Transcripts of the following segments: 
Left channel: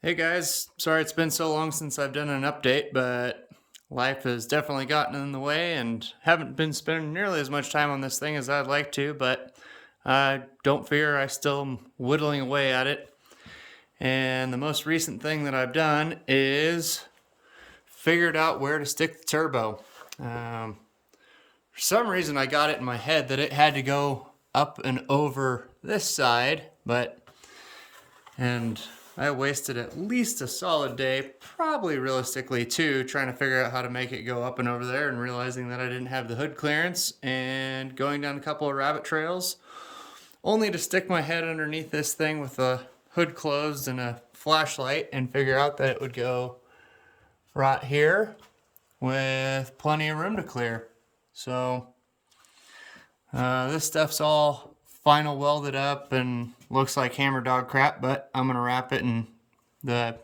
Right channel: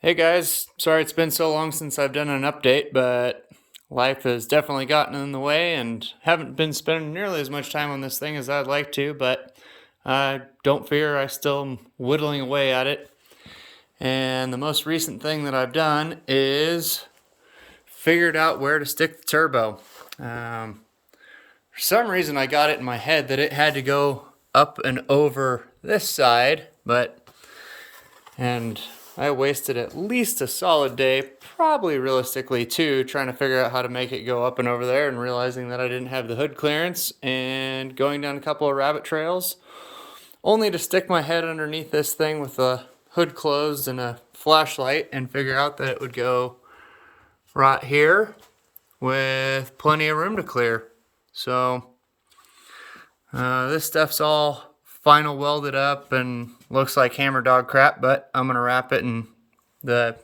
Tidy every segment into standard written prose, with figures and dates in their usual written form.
Hey guys, sorry it's been so long since I've done an update, but life has definitely gotten in the way and haven't been spending nearly as much time on this thing as I'd like to, but don't fear, I still am whittling away at it. And the most recent thing that I've done is figured out where to stick the turbo. For some reason I got it in my head that it had to go up and over this side, and I wasted at least a solid day, probably realistically two, trying to figure out how to make it go up and over there, and realizing that I didn't have the hood clearance and going down a couple of rabbit trails, only to stick my head underneath this thing with the hood closed and a flashlight and figure out that it would go right here with plenty of room to clear. So this stuff's all final welded up and looks like hammer dog crap, but I'm gonna wrap it in the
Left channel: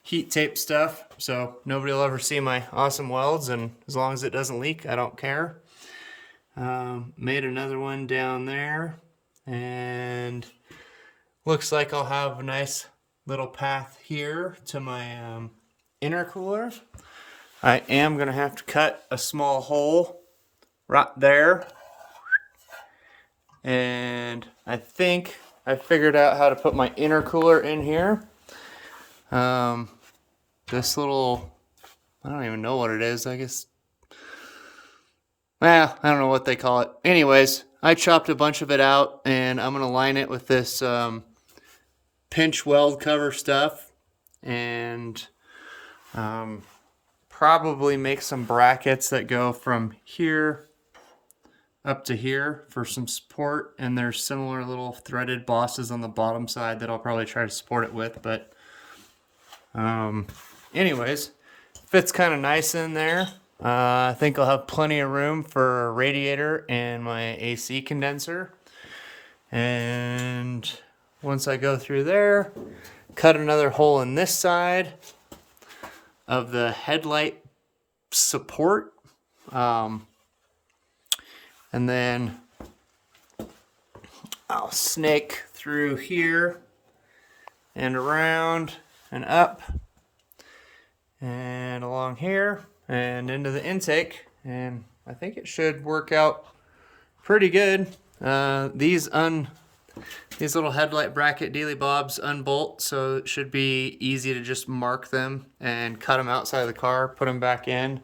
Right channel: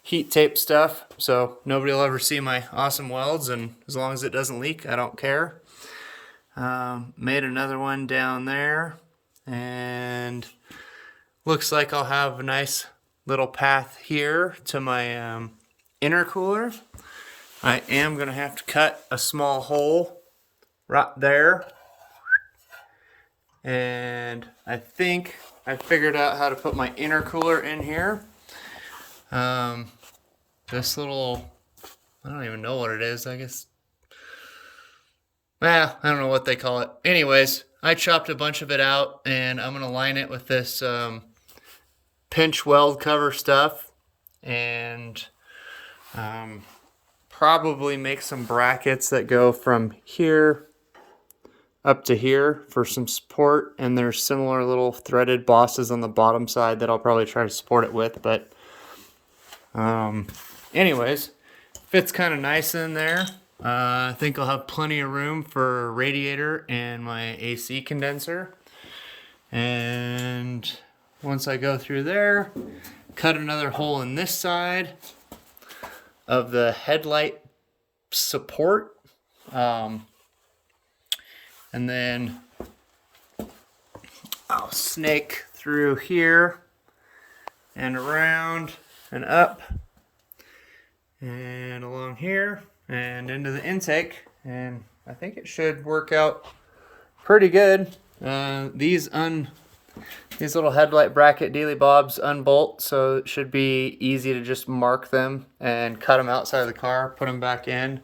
heat tape stuff so nobody will ever see my awesome welds, and as long as it doesn't leak, I don't care. Made another one down there, and looks like I'll have a nice little path here to my intercooler. I am gonna have to cut a small hole right there, and I think I figured out how to put my intercooler in here. This little, I don't even know what it is, I guess. Well, I don't know what they call it. Anyways, I chopped a bunch of it out, and I'm gonna line it with this pinch weld cover stuff, and probably make some brackets that go from here up to here for some support, and there's similar little threaded bosses on the bottom side that I'll probably try to support it with, but anyways, fits kind of nice in there. I think I'll have plenty of room for a radiator and my AC condenser. And once I go through there, cut another hole in this side of the headlight support. And then I'll snake through here and around and up and along here and into the intake, and I think it should work out pretty good. These little headlight bracket dealy bobs unbolt, so it should be easy to just mark them and cut them outside of the car, put them back in.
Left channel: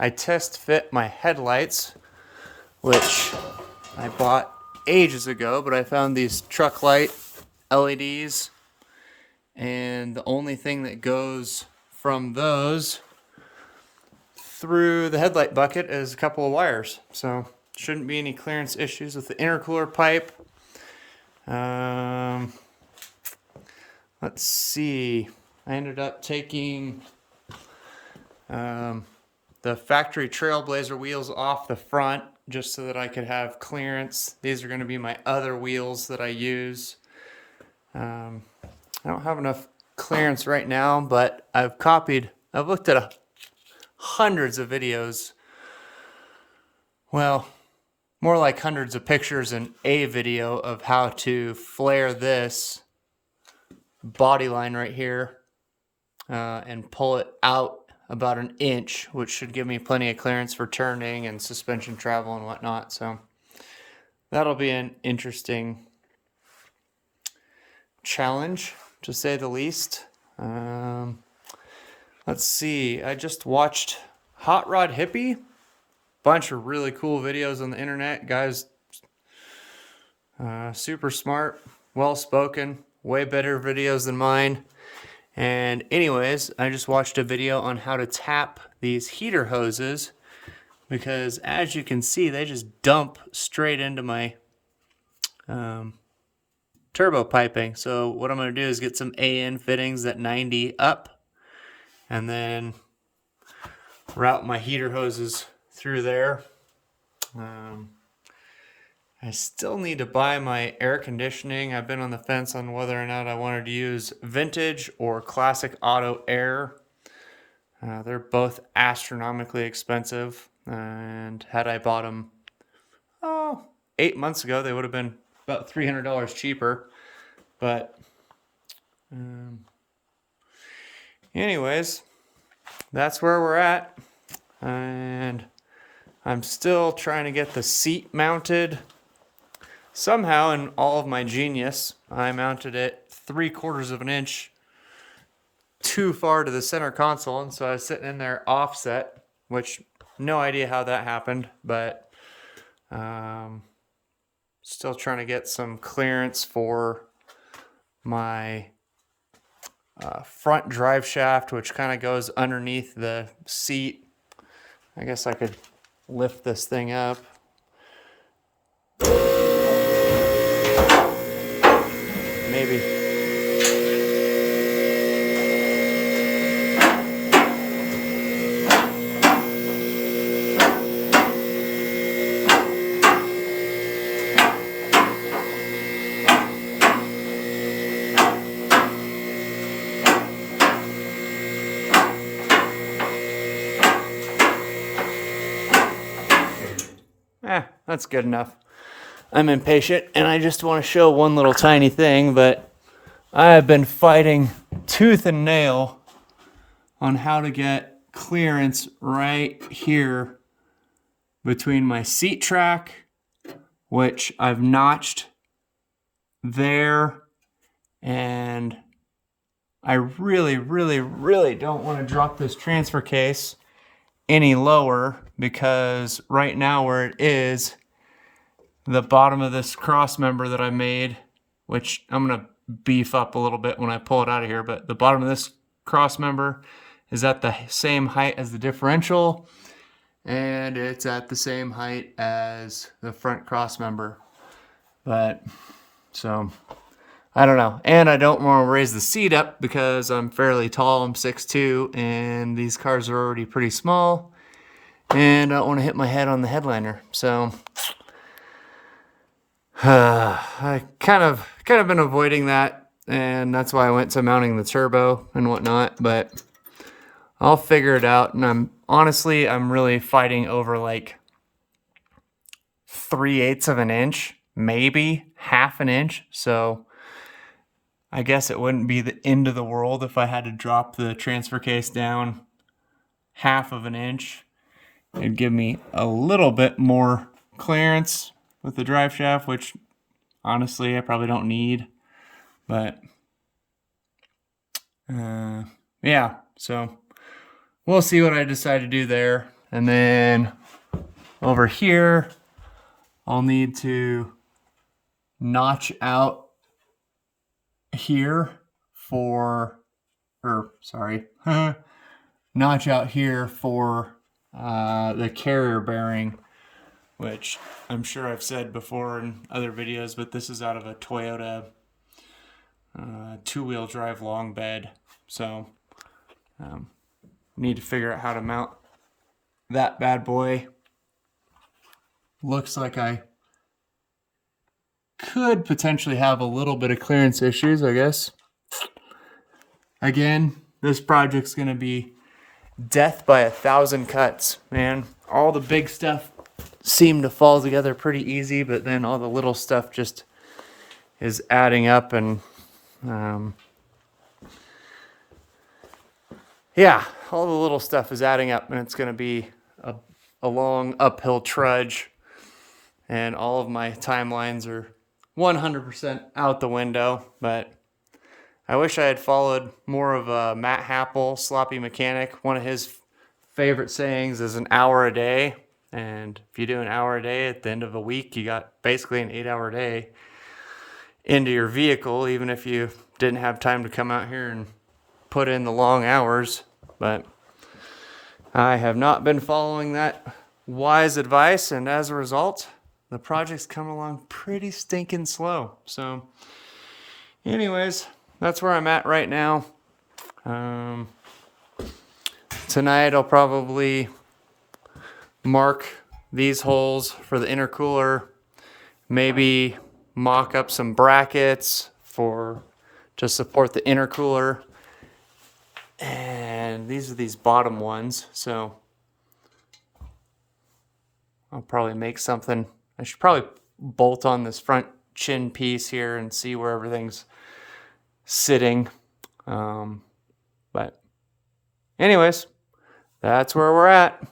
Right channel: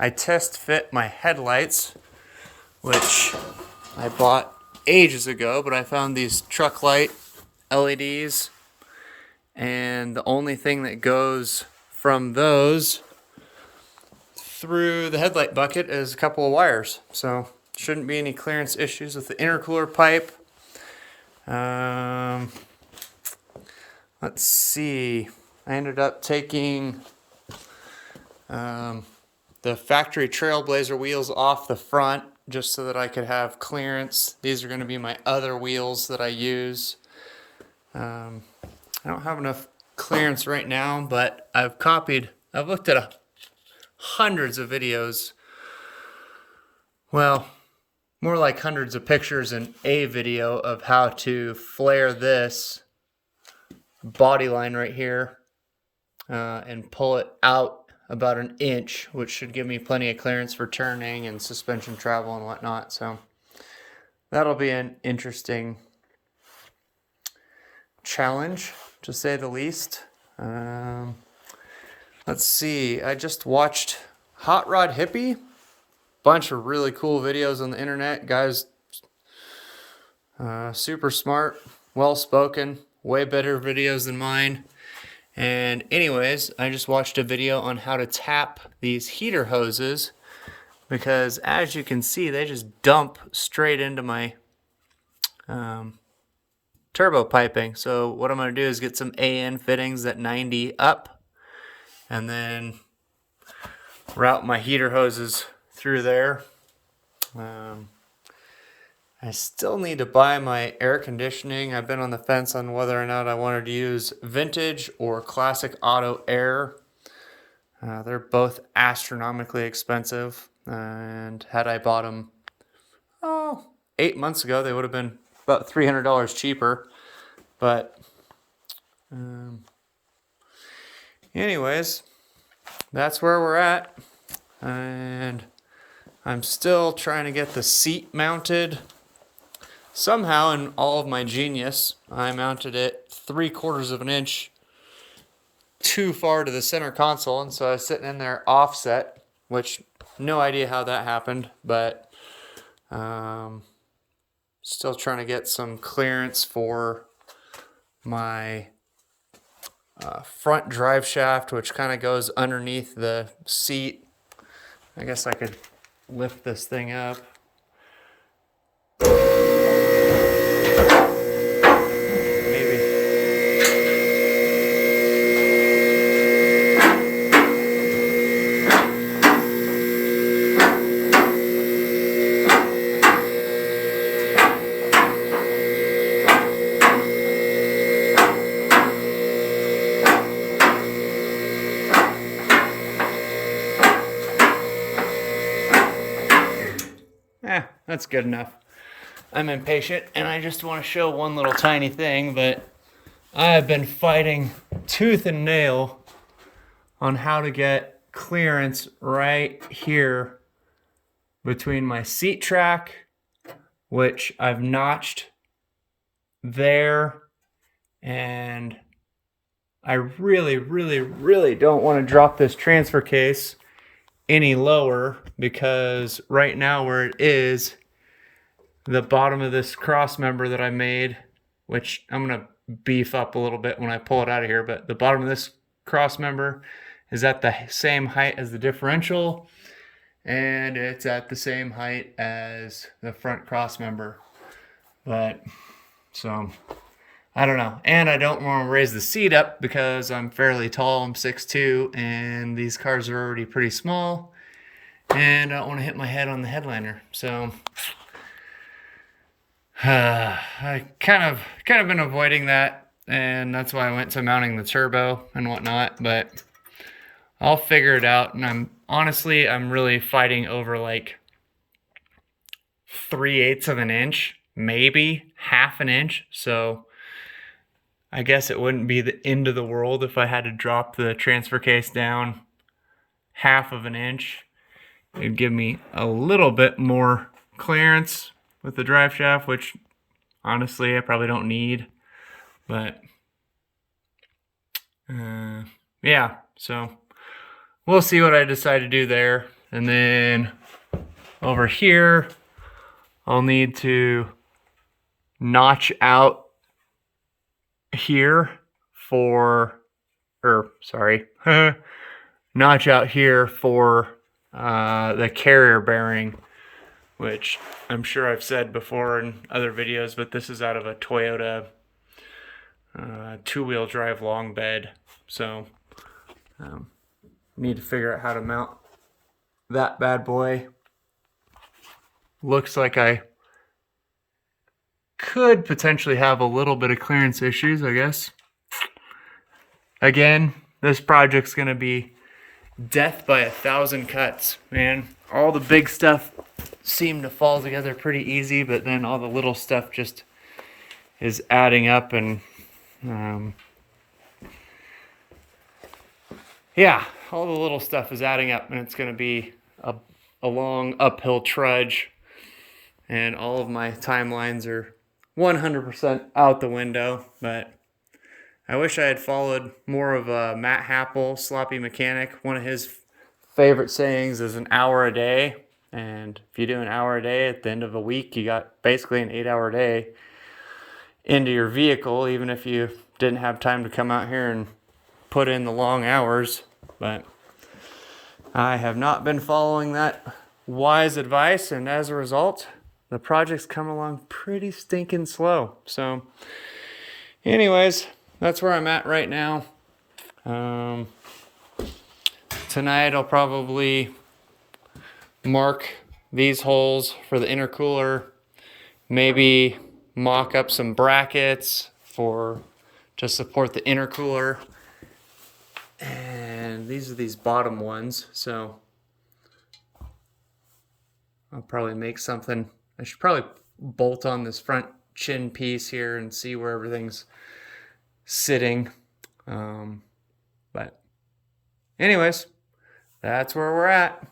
I test fit my headlights, which I bought ages ago, but I found these truck light LEDs, and the only thing that goes from those through the headlight bucket is a couple of wires, so shouldn't be any clearance issues with the intercooler pipe. Let's see, I ended up taking the factory Trailblazer wheels off the front just so that I could have clearance. These are going to be my other wheels that I use. I don't have enough clearance right now, but I've looked at hundreds of videos. Well, more like hundreds of pictures in a video of how to flare this body line right here and pull it out about an inch, which should give me plenty of clearance for turning and suspension travel and whatnot. So that'll be an interesting challenge, to say the least. Let's see, I just watched Hot Rod Hippie. Bunch of really cool videos on the internet. Guys, super smart, well spoken, way better videos than mine. And anyways, I just watched a video on how to tap these heater hoses, because as you can see, they just dump straight into my turbo piping. So what I'm going to do is get some AN fittings at 90 up, and then route my heater hoses through there. I still need to buy my air conditioning. I've been on the fence on whether or not I wanted to use vintage or classic auto air. They're both astronomically expensive, and had I bought them 8 months ago, they would have been about $300 cheaper. But Anyways, that's where we're at. And I'm still trying to get the seat mounted. Somehow, in all of my genius, I mounted it 3/4 of an inch too far to the center console, and so I was sitting in there offset, which no idea how that happened, but still trying to get some clearance for my front drive shaft, which kind of goes underneath the seat. I guess I could lift this thing up. Maybe. That's good enough. I'm impatient and I just want to show one little tiny thing, but I've been fighting tooth and nail on how to get clearance right here between my seat track, which I've notched there, and I really, really, really don't want to drop this transfer case any lower, because right now where it is, the bottom of this cross member that I made, which I'm going to beef up a little bit when I pull it out of here, but the bottom of this cross member is at the same height as the differential, and it's at the same height as the front cross member. But so I don't know, and I don't want to raise the seat up because I'm fairly tall. I'm 6'2", and these cars are already pretty small, and I don't want to hit my head on the headliner. So I kind of been avoiding that, and that's why I went to mounting the turbo and whatnot, but I'll figure it out. And I'm really fighting over like 3/8 of an inch, maybe half an inch. So I guess it wouldn't be the end of the world if I had to drop the transfer case down half of an inch. It'd give me a little bit more clearance with the drive shaft, which honestly I probably don't need. But yeah, so we'll see what I decide to do there. And then over here, I'll need to notch out here notch out here for the carrier bearing, which I'm sure I've said before in other videos, but this is out of a Toyota two-wheel drive long bed. So need to figure out how to mount that bad boy. Looks like I could potentially have a little bit of clearance issues, I guess. Again, this project's gonna be death by 1,000 cuts, man. All the big stuff seemed to fall together pretty easy, but then all the little stuff just is adding up, and yeah, all the little stuff is adding up, and it's gonna be a long uphill trudge, and all of my timelines are 100% out the window. But I wish I had followed more of Matt Happel, Sloppy Mechanic. One of his favorite sayings is an hour a day. And if you do an hour a day at the end of a week, you got basically an 8-hour day into your vehicle, even if you didn't have time to come out here and put in the long hours. But I have not been following that wise advice, and as a result, the project's coming along pretty stinking slow. So anyways, that's where I'm at right now. Tonight I'll probably mark these holes for the intercooler, maybe mock up some brackets to support the intercooler, and these are these bottom ones, so I'll probably make something. I should probably bolt on this front chin piece here and see where everything's sitting. But anyways, that's where we're at.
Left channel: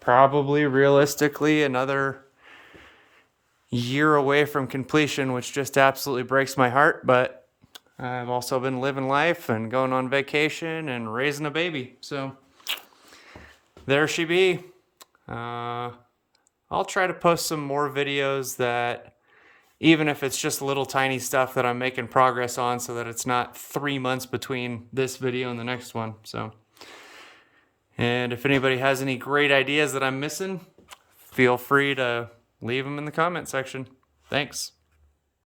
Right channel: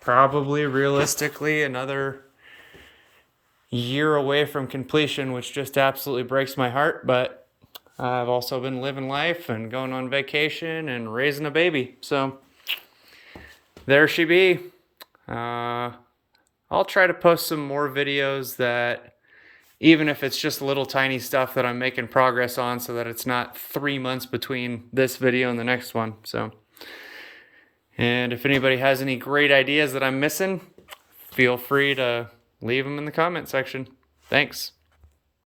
Probably realistically another year away from completion, which just absolutely breaks my heart. But I've also been living life and going on vacation and raising a baby. So there she be. I'll try to post some more videos that, even if it's just little tiny stuff that I'm making progress on, so that it's not 3 months between this video and the next one. So, and if anybody has any great ideas that I'm missing, feel free to leave them in the comment section. Thanks.